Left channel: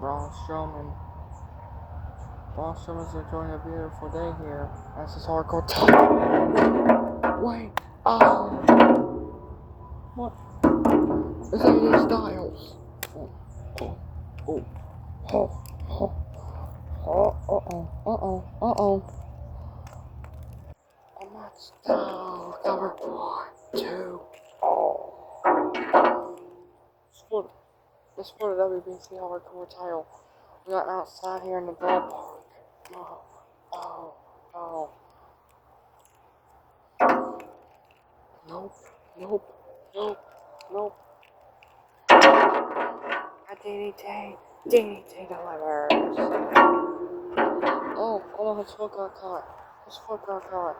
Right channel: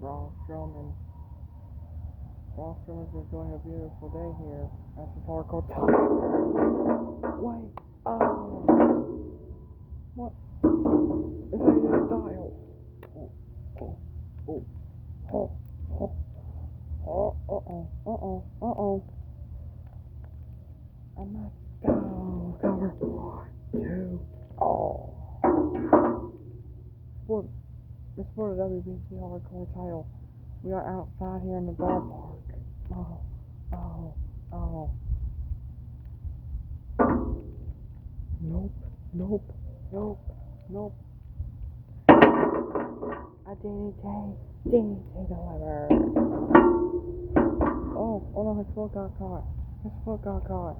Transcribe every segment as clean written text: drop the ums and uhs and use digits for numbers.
Braun Strowman. Braun Strowman's enjoying a beautiful day here. That's his hardcore time. Wait. Oh. What? It's AJ Styles. Oh. Oh. Oh. Oh. Oh. Oh. Uh-oh. Uh-oh. A match down. Cover. 1, 2. Oh. It's for the WBC Hardcore title. We are outside here in the ballpark. Oh, oh, oh. Nope, nope, nope, nope. A DDT delivers. Oh no, his foot got caught. His foot got caught.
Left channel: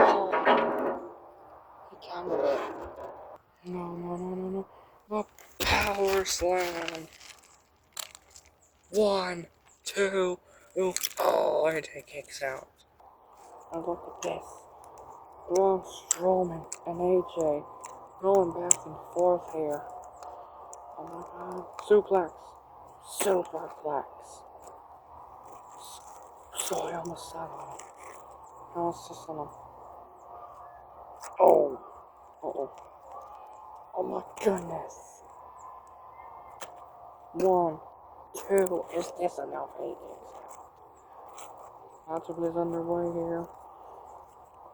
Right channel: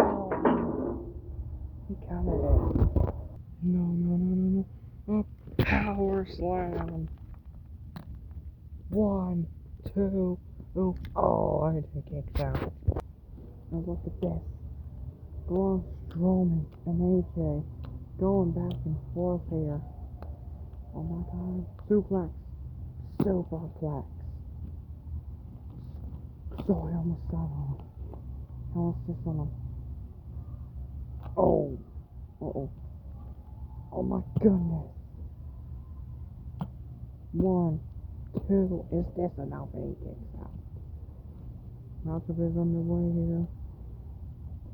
Oh, he countered it. No. A power slam. 1, 2. Oh, AJ kicks out. And look at this. Braun Strowman and AJ going back and forth here. Oh my god. Superplex. Sorry, I almost sat on him. I almost just on him. Oh. Uh-oh. Oh my goodness. 1, 2. Is this enough? He kicks out. Matchup is underway here.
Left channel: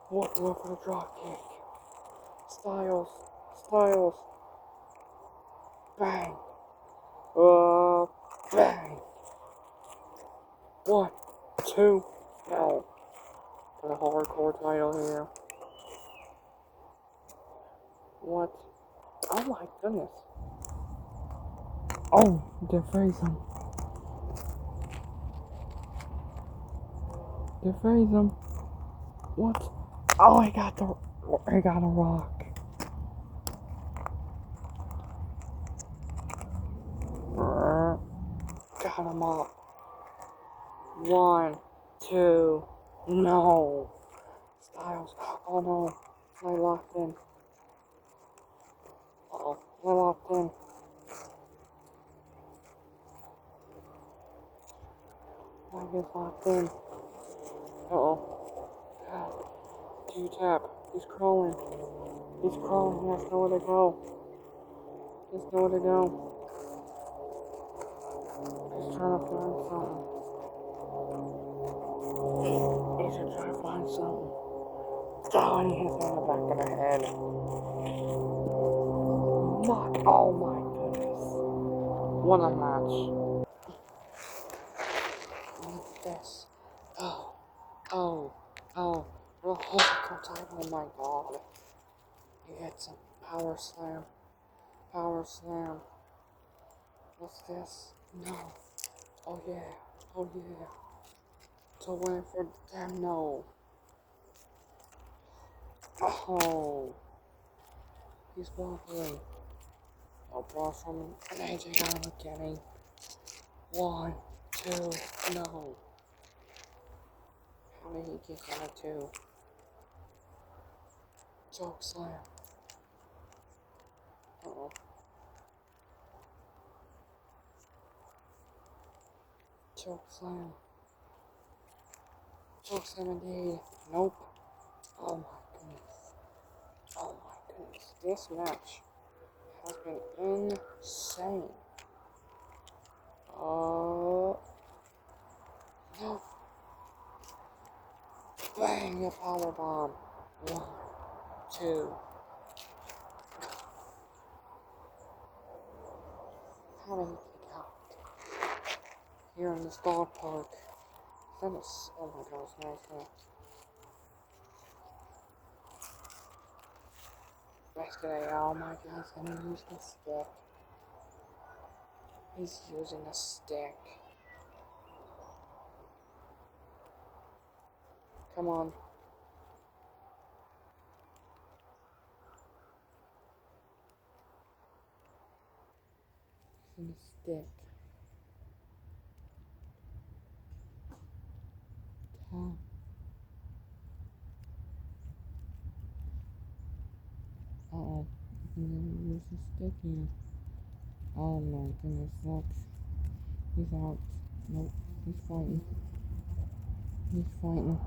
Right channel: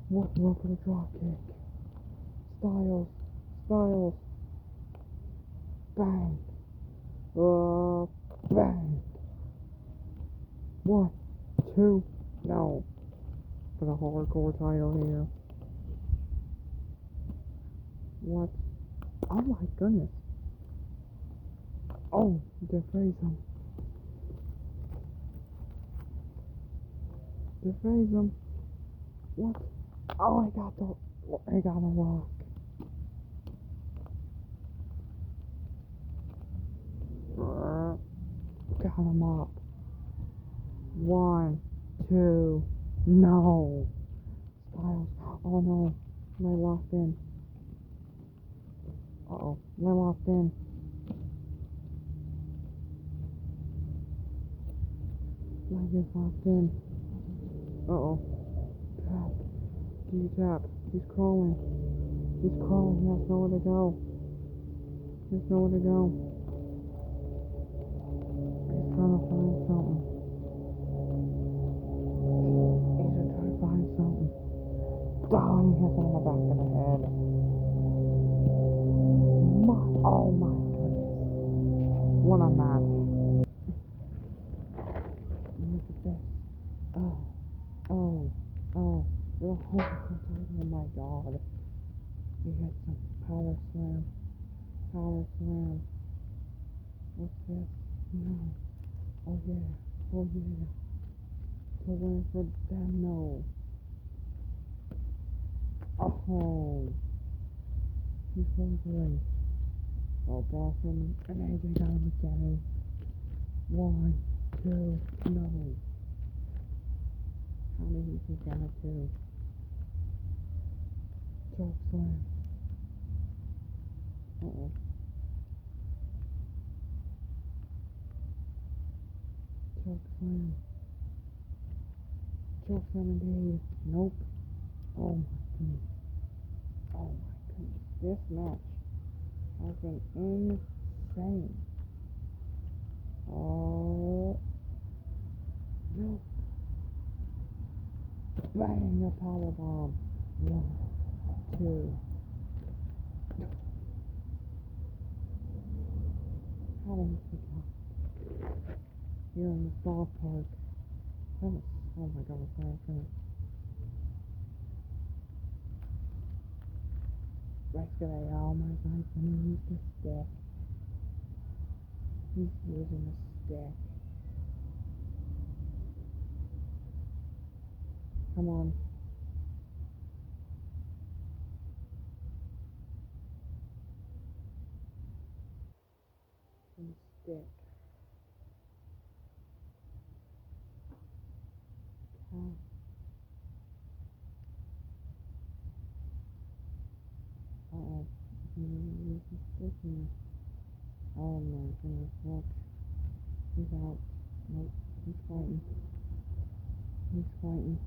What for the drop kick? Styles. Bang. Bang. 1, 2. No. For the hardcore title here. What? Oh my goodness. Oh, deface him. What? Oh, he got a rock. Got him up. 1, 2. No. Styles. Oh no. They locked in. Uh-oh. They locked in. Mike is locked in. Uh-oh. Tap. Do you tap? He's crawling. He has nowhere to go. He's trying to find something. He's trying to find something. Oh, and he hits him in the back of the head. Oh my goodness. What a match. Look at this. You're a hardcore title. Oh my god. You hit some power slam. What's this? No. Oh yeah. To win for them, no. Oh. He's wobbly. No, Braun and AJ got him again. 1, 2, no. How did he kick out of 2? Choke slam. Uh-oh. Choke slam indeed. Nope. Oh my goodness. This match has been insane. No. Bang, a powerbomb. 1, 2. How did he kick out? Here in this dog park. Oh my gosh, nice. Let's get a, oh my gosh, I'm gonna use the stick. He's using a stick. Come on. Using a stick. Uh-oh. Use so sticky. Oh my goodness, that's... He's out. Nope, he's fighting. He's fighting.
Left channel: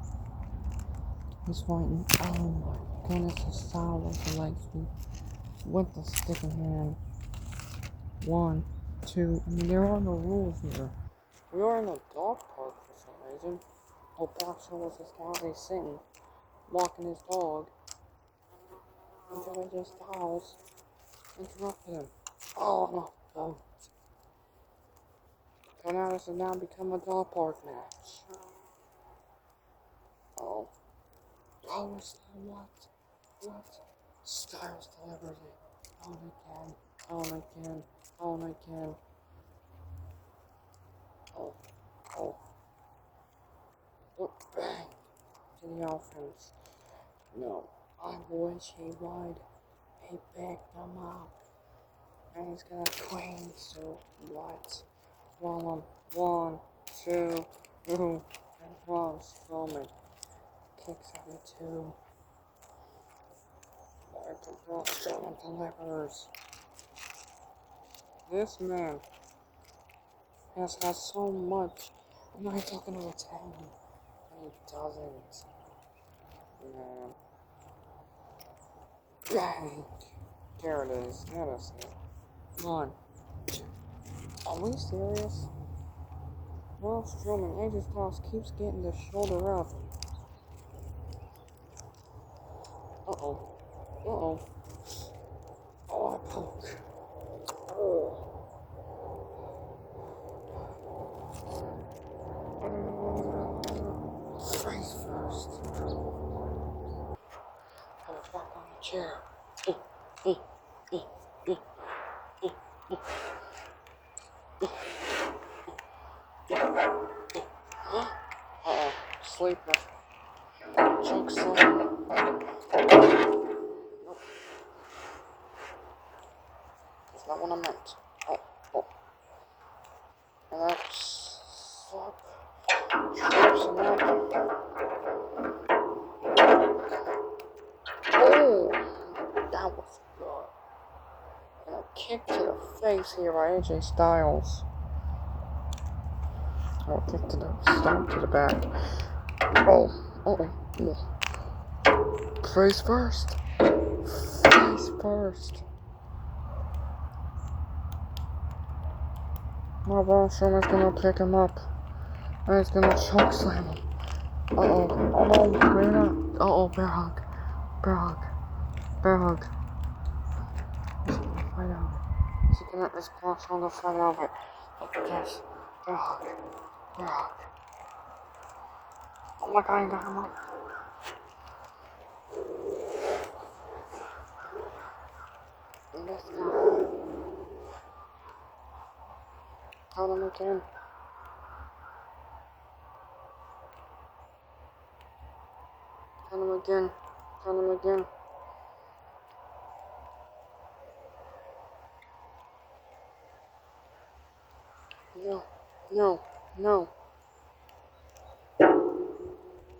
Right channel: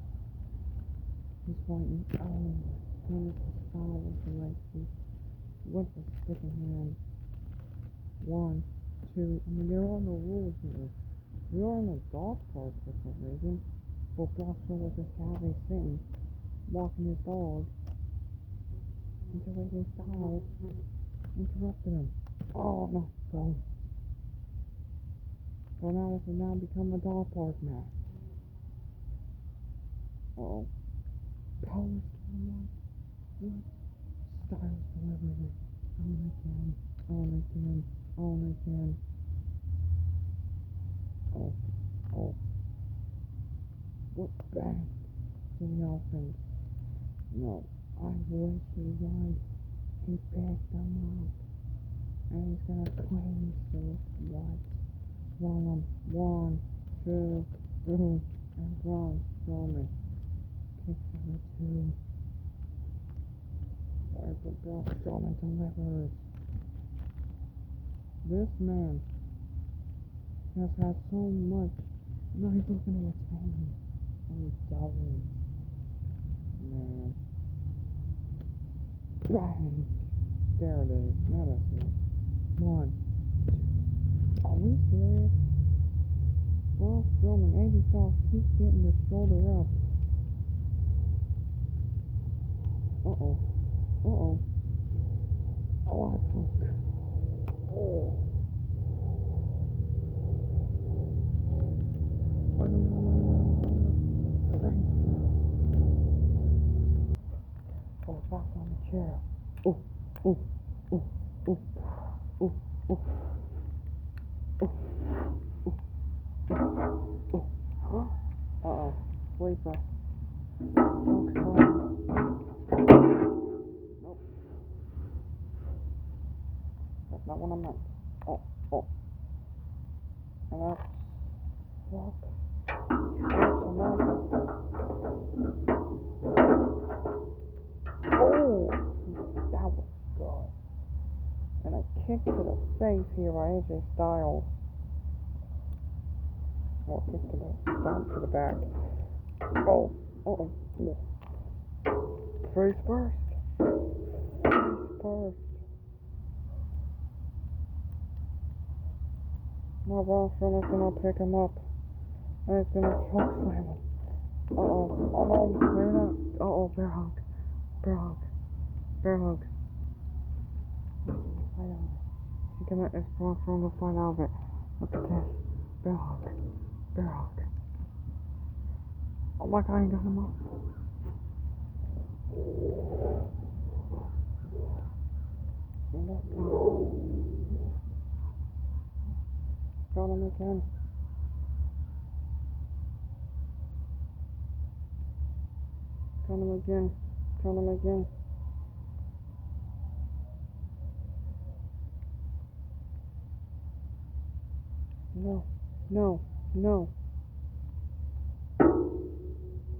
He's fighting. Oh my goodness, his style was the leg sweep. With the stick in hand. 1, 2. I mean, there are no rules here. We are in a dog park for some reason. Well, Brock was this guy sitting, walking his dog. Until AJ Styles interrupted him. Oh no, no. So now this has now become a dog park match. Oh. Power slam, what? What? Styles delivers it. On again. On again. On again. Oh. Oh. Look, bang. To the offense. No. I wish he would. He picked him up. And he's gonna queen, so what? One, 1, 2, and Braun Strowman kicks out of 2. After Braun Strowman delivers. This man has had so much. I'm not talking to retain. And he doesn't. Man. Bang! There it is. Let us see. 1, 2. Are we serious? Braun Strowman, AJ Styles keeps getting the shoulder up. Uh-oh. Uh-oh. Oh, I poke. Oh. Face first. I was walk on the chair. Uh-oh. Sleeper. Choke slam. Nope. That's not what I meant. Oh. And that's... Fuck. Trips him up. Oh! That was good. And a kick to the face here by AJ Styles. Oh, kick to the stomp to the back. Oh. Face first. Face first. Now Braun Strowman's gonna pick him up. And he's gonna choke slam him. Uh-oh. Oh no, maybe not. Uh-oh, bear hug. Bear hug. Bear hug. He's gonna fight out of it. Is Braun Strowman gonna fight out of it? Look at this. Bear hug. Bear hug. Oh my god, he got him up. And that's now. Count him again. Count him again. Count him again. No.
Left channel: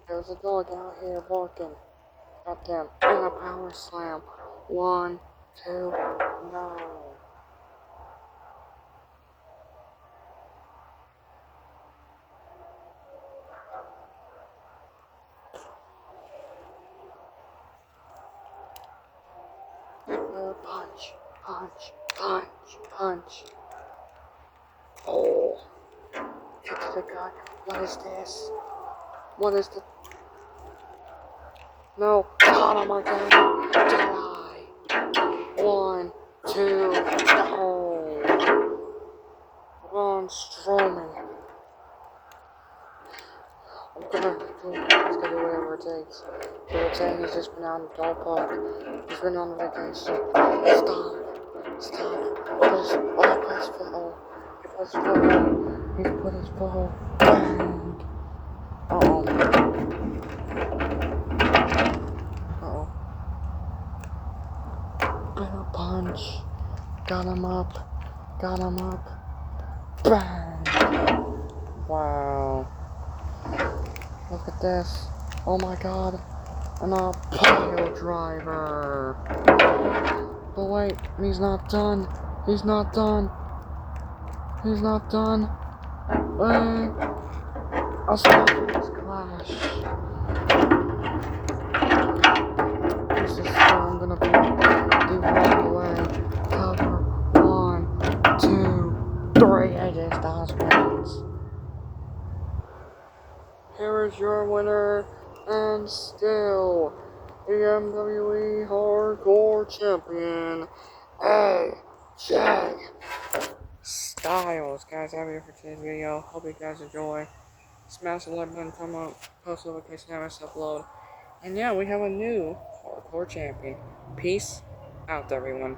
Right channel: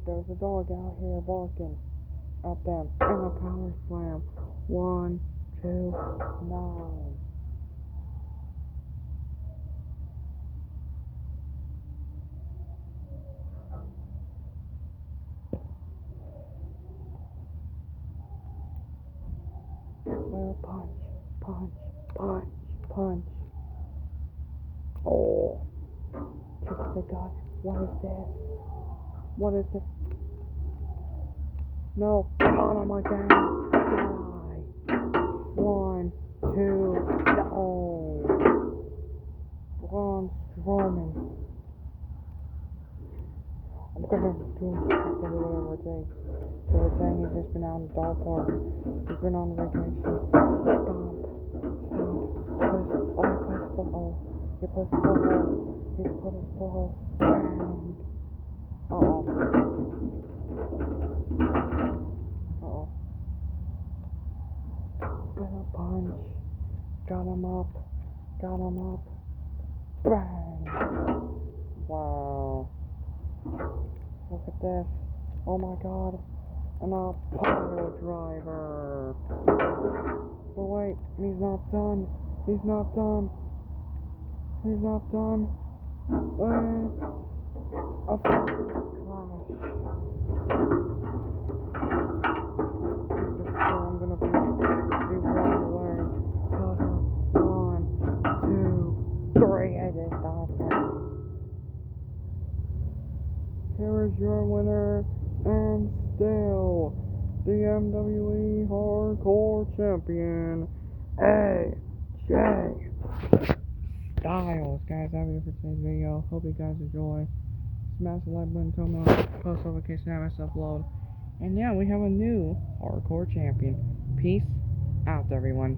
There's a dog out here barking at them. And a power slam. 1, 2, no. Punch. Oh. Kick to the gut. What is this? What is the... No. Got him again. Jedi. 1, 2, no. Braun Strowman. He's gonna do whatever it takes. To retain, he's just been out in the dog park. He's been on vacation. Stop. He put his foot on. He's put his foot on. Bang. Uh-oh. Better punch. Got him up. Bang. Wow. Look at this. Oh my god. And a pile driver. But wait, he's not done. He's not done. He's not done. A Styles Clash. This is still gonna be the wrong way. Cover 1, 2, 3. AJ Styles wins. Here is your winner, and still the MWE Hardcore Champion, AJ Styles. Guys, that'll be it for today's video. Hope you guys enjoy. Smash the like button, come on, post notification, have us upload. And yeah, we have a new Hardcore Champion. Peace out, everyone.